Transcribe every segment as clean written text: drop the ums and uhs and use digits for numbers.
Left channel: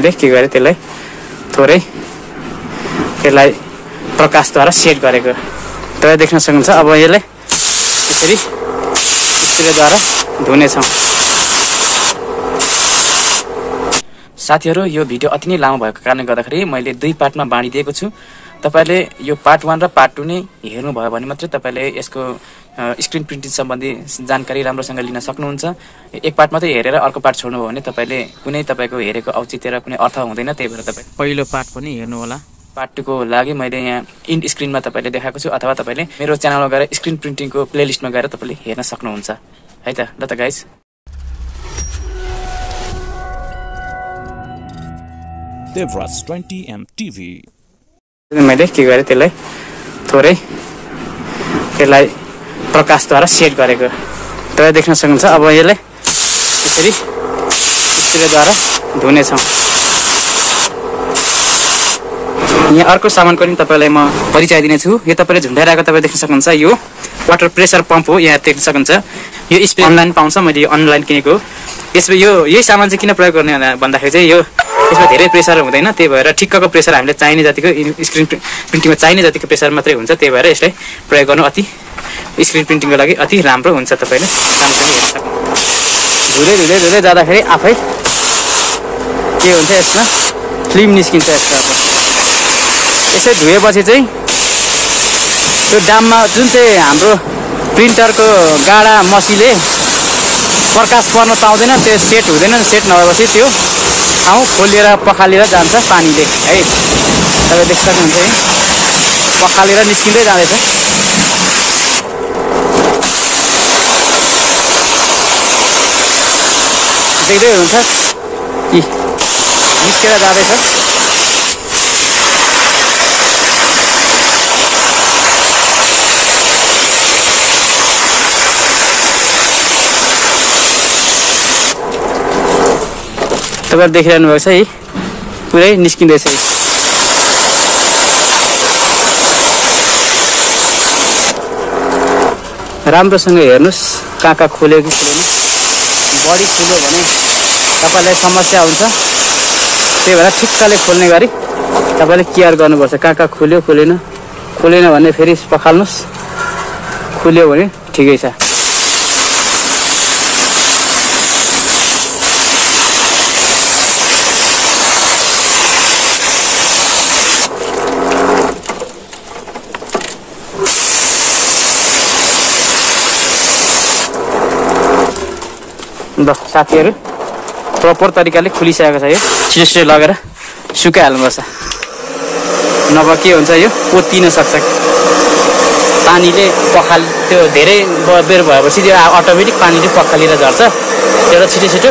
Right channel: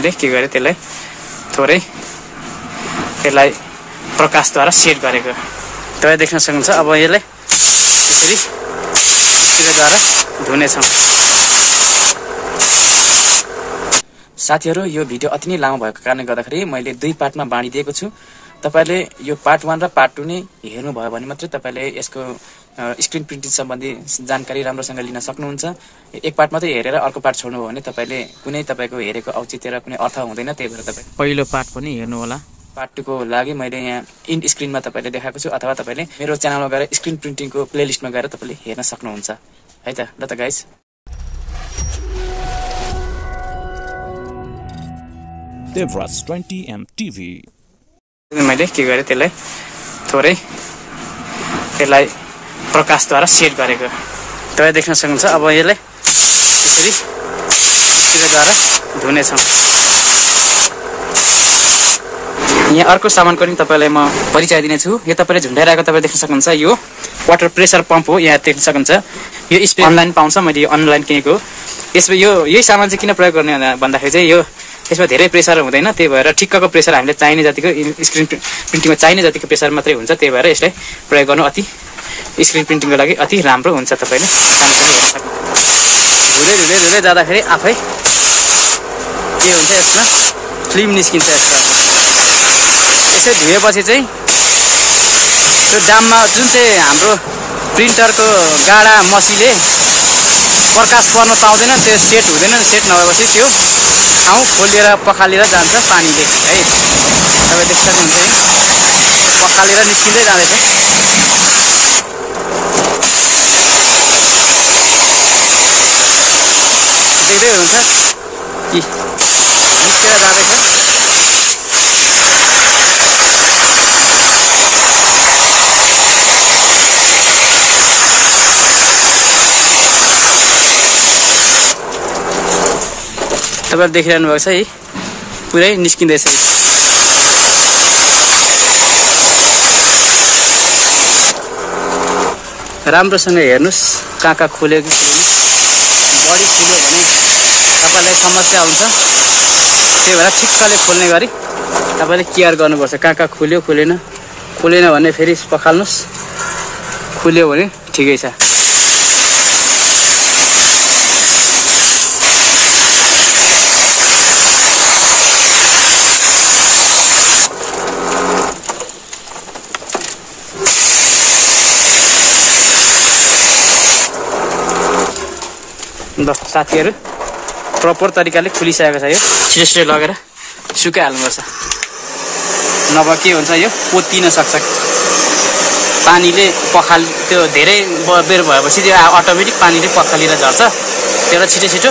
मैले के गरेँ त्यसलाई थोरै त्यसलाई प्रकाशद्वारा सेट गरेको तपाईँ देख्न सक्नुहुन्छ। अब यसलाई यसरी स्प्रेद्वारा धुनेछौँ। साथीहरु, यो भिडियो अति नै लामो भएको कारणले गर्दाखेरि मैले 2 पार्टमा बाँडिदिएको छु। तपाईले यो पार्ट 1 र पार्ट 2 नै हेर्नु भयो भने मात्रै तपाईले यसको स्क्रिन प्रिन्टिङ सम्बन्धी जानकारी राम्रोसँग लिन सक्नुहुन्छ। एक पार्ट मात्रै हेरेर अर्को पार्ट छोड्नु भयो भने तपाईले कुनै तपाईको हेरेको औचित्य र कुनै अर्थ हुँदैन। त्यही भएर तपाई पहिलो पार्ट पनि हेर्नु होला। पार्ट 2 को लागि मैले यहाँ इन्ड स्क्रिनमा तपाईले देखाएको छु, अथवा तपाईले मेरो च्यानलमा गएर स्क्रिन प्रिन्टिङको प्लेलिस्टमा गएर तपाईले हेर्न सक्नुहुन्छ है त। ल त गाइस, DevRai 20M TV मैले के गरेँ त्यसलाई थोरै त्यसलाई प्रकाशद्वारा सेट गरेको तपाईँ देख्न सक्नुहुन्छ। अब यसलाई यसरी स्प्रेद्वारा धुनेछौँ। यहाँ अर्को सामानको पनि तपाईलाई म परिचय दिनेछु। यो तपाईले झुन्डाइरहेको तपाईँ देख्न सक्नुहुन्छ, यो वाटर प्रेसर पम्प हो। यहाँ देख्न सक्नुहुन्छ यो स्प्रे अनलाइन पाउँछ, मैले अनलाइन किनेको। यसमा यही सामान चाहिँ किन प्रयोग गर्ने भन्दाखेरि चाहिँ यसमा धेरै प्रेसर हुँदैन, त्यही भएर ठिक्कको प्रेसर हामीले चाहिने जतिको स्क्रिन प्रिन्टिङमा चाहिने जतिको प्रेसर मात्रै हुन्छ। त्यही भएर यसलाई प्रयोग गर्नु अति स्क्रिन प्रिन्टिङको लागि अति राम्रो हुन्छ। तपाईले धुँदै जाँदाखेरि आफै के हुन्छ, यसमा फिल्म निस्किन्छ। यसै धुएपछि चाहिँ त्यो दाममा जुन चाहिँ हाम्रो प्रिन्टरको गाडा मसीले प्रकाश पर्न पाउँदैन, त्यो सेट हुँदैन। सेट नभएपछि त्यो ठाउँ खोलिएर पखालेर जान्छ पानीले है। तपाईँ देख्न सक्नुहुन्छ, पखालेर निस्किँदै जाँदैछ। देख्दै हुन्छ निस्केर जाँदैछ। तपाईले देखिरहनु भएको छ है, पुरै निस्किँदैछ। राम्रोसँग हेर्नुस् कहाँ खोल्यो कि खोलेन। बढी खुल्यो भने तपाईलाई समस्या हुन्छ, त्यही भएर ठिक्कले खोल्ने गरी तपाईले केयर गर्नुपर्छ। कहाँ खुल्यो खोलेन, खोलेन भने फेरि पखाल्नुस्, खुल्यो भने ठिकै छ। ल साथीहरु, प्रपर तरिकाले खुलिसकेको छ। यो छिटो लगेर सुकाइहाल्नुपर्छ, नभए के हुन्छ यो पोतिन सक्छ। पानीले पखाल त्यो धेरै बेर भएपछि त्यो अटोमेटिक पानीले पखालेर झर्छ। त्यो छिटो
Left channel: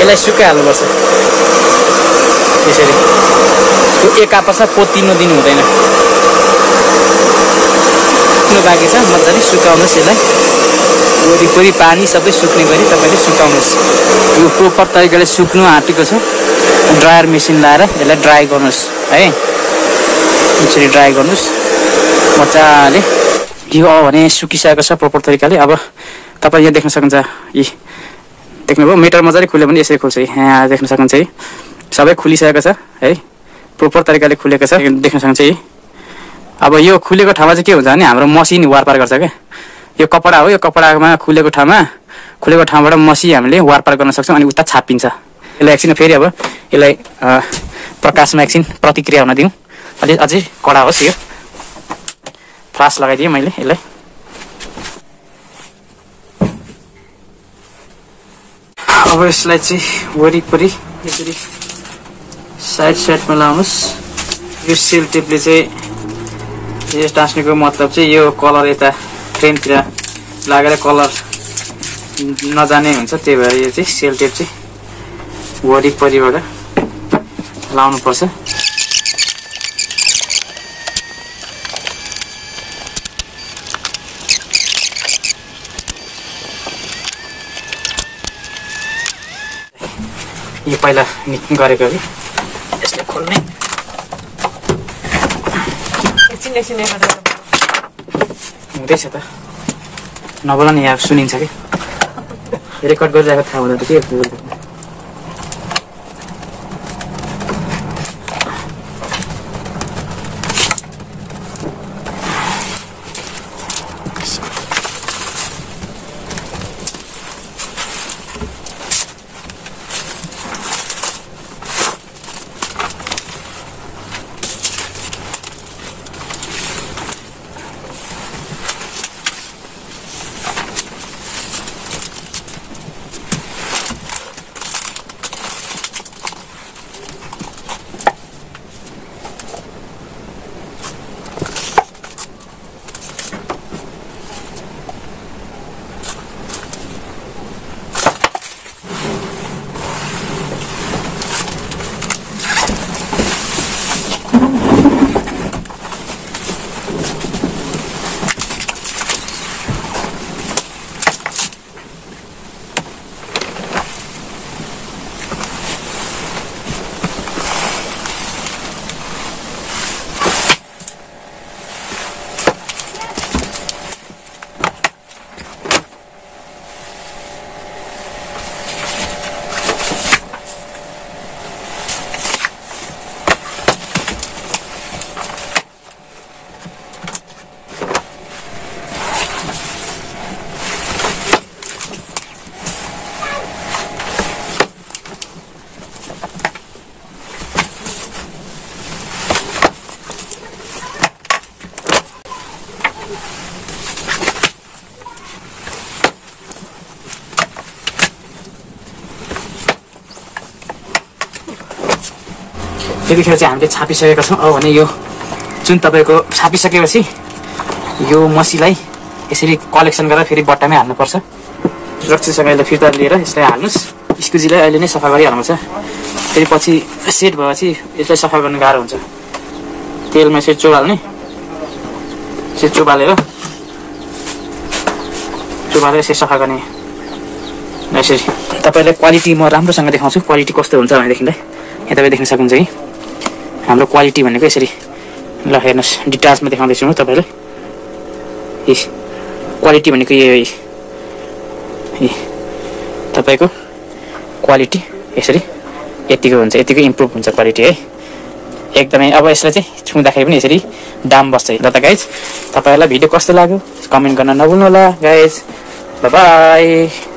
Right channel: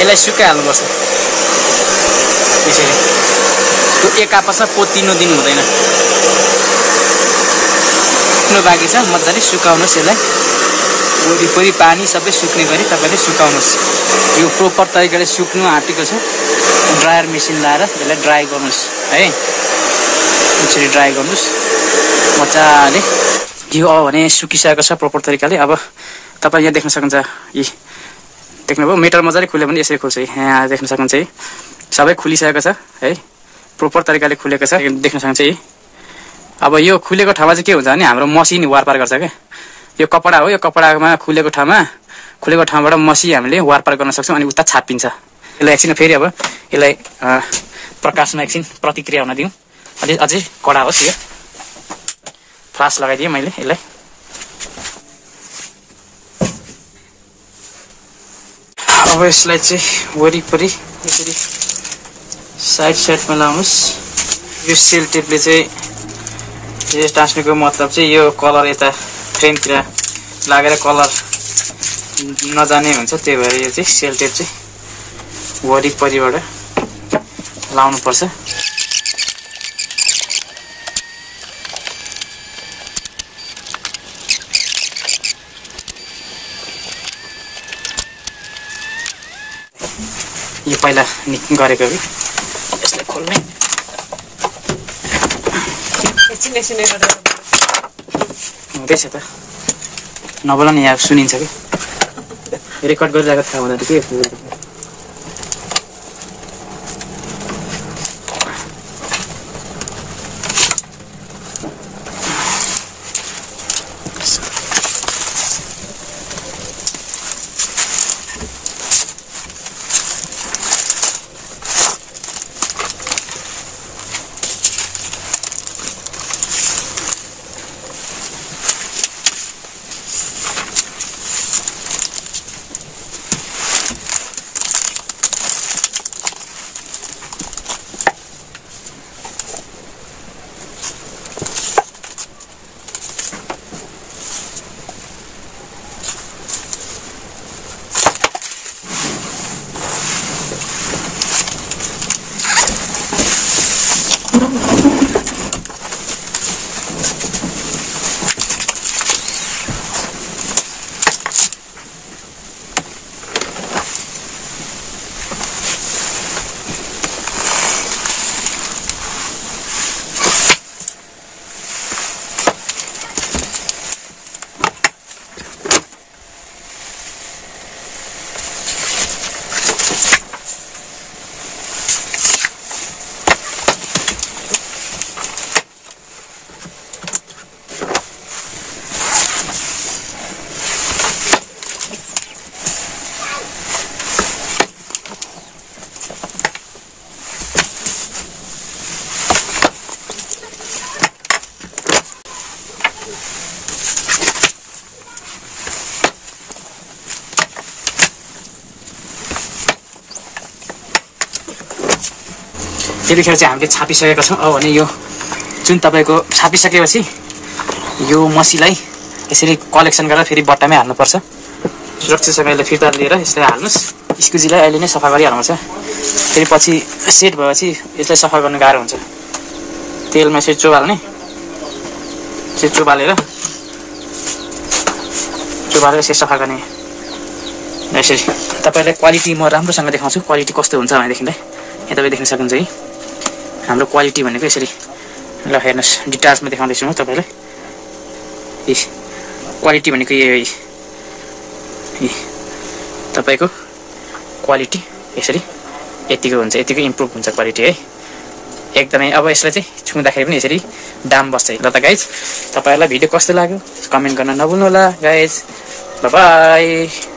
यसलाई सुकाइहाल्नुपर्छ। यसरी त्यो एक आपसमा पोतिनु दिनु हुँदैन। सुक्नु बाँकी छ, मजाले सुकाउनुहोस्। यसलाई वरिपरि पानी सबै सुक्ने गरी तपाईले सुकाउनुहोस्। यो प्रोपर तरिकाले सुक्नु आँटेको छ। ड्रायर मेसिन लाएर यसलाई ड्राई गर्नुहोस् है। यसरी ड्राई गर्नुहोस् मजाले। यो भने सुकिसकेको छ प्रोपर तरिकाले। अब तपाईँ यहाँ देख्न सक्नुहुन्छ, यी देख्नुभयो मिटर मजाले खुल्यो भने यसरी खुल्छ। यहाँ देख्न सक्नुहुन्छ है, सबै खुलिसकेको छ है, प्रोपर तरिकाले खुलेको छ। देख्न सक्नुहुन्छ है। अब यो खुलेको ठाउँमा चाहिँ के हुन्छ भने हाम्रो मसिन वारपार गर्छ क्या। यो कपडा हो, यो कपडामा खुलेको ठाउँबाट मसी हामीले वारपार गर्न सक्छौँ। अनि उता छापिन्छ। यसलाई एकछिन फेरि अब यसलाई प्रकाशमा एकछिन प्रतिक्रिया हुन दिउँ। अझै कडा होस्। यो फ्लास लगाइदिएँ मैले यसलाई। अब यसलाई चाहिँ वरिपरि यसरी साइडमा लाउनुहोस्। यो सेल टेपले चाहिँ यो टाँस्नेको मतलब चाहिँ यो कलर यता फ्रेमतिर लागेर कलर नजाने हुन्छ। त्यही भएर यो चाहिँ सेल टेप चाहिँ वरिपरिबाट लाउनु पर्छ। यो पहिला निक्किन गरेको कि यसले खोल्ने हुँदैछ त। नबोला नि यहाँ सुनिन्छ कि रेकर्ड गरिरहेको थाहा हुँदैन के यतिखेर चाहिँ हामीले छापिसकेका छौँ। अब भने यो जुन तपाईँको छापिसकेपछि यो मसीलाई यसरी कलेक्सन गरेर फेरि बट्टामै हाल्नुपर्छ। सुरक्षितसँगले फिर्ता लिएर यसलाई हाल्नुहोस्। स्कुजीलाई अहिले नै सफा गरिहाल्नुपर्छ। फेरि पछि सेट भएपछि यसलाई सफा गर्न गाह्रो हुन्छ। तेलमा यसरी चोबाल्ने, यसरी चोबालेर यसरी सफा गर्ने। यसरी तपाईँलाई क्वालिटी म राम्रोसँग देखाउँछु। क्वालिटी कस्तो हुन्छ भनेदेखिलाई यहाँ तपाईँ देख्न सक्नुहुन्छ कि हाम्रो क्वालिटी भनेको यसरी। ल हेर्नुहोस्, डिटाचमा देखाउँदैछु म तपाईँलाई। क्वालिटी भनेको तपाईँको क्वालिटी यसरी यतिको हुन्छ, यतिको इम्प्रुभ हुन्छ क्वालिटी है एकदमै। अब यसलाई चाहिँ छुँदाखेरि पनि यसरी दाम बस्छ। ल त गाइज, तपाईँहरूलाई भिडियो कस्तो लाग्यो कमेन्ट गर्न नभुल्नु होला गाइज। बाई।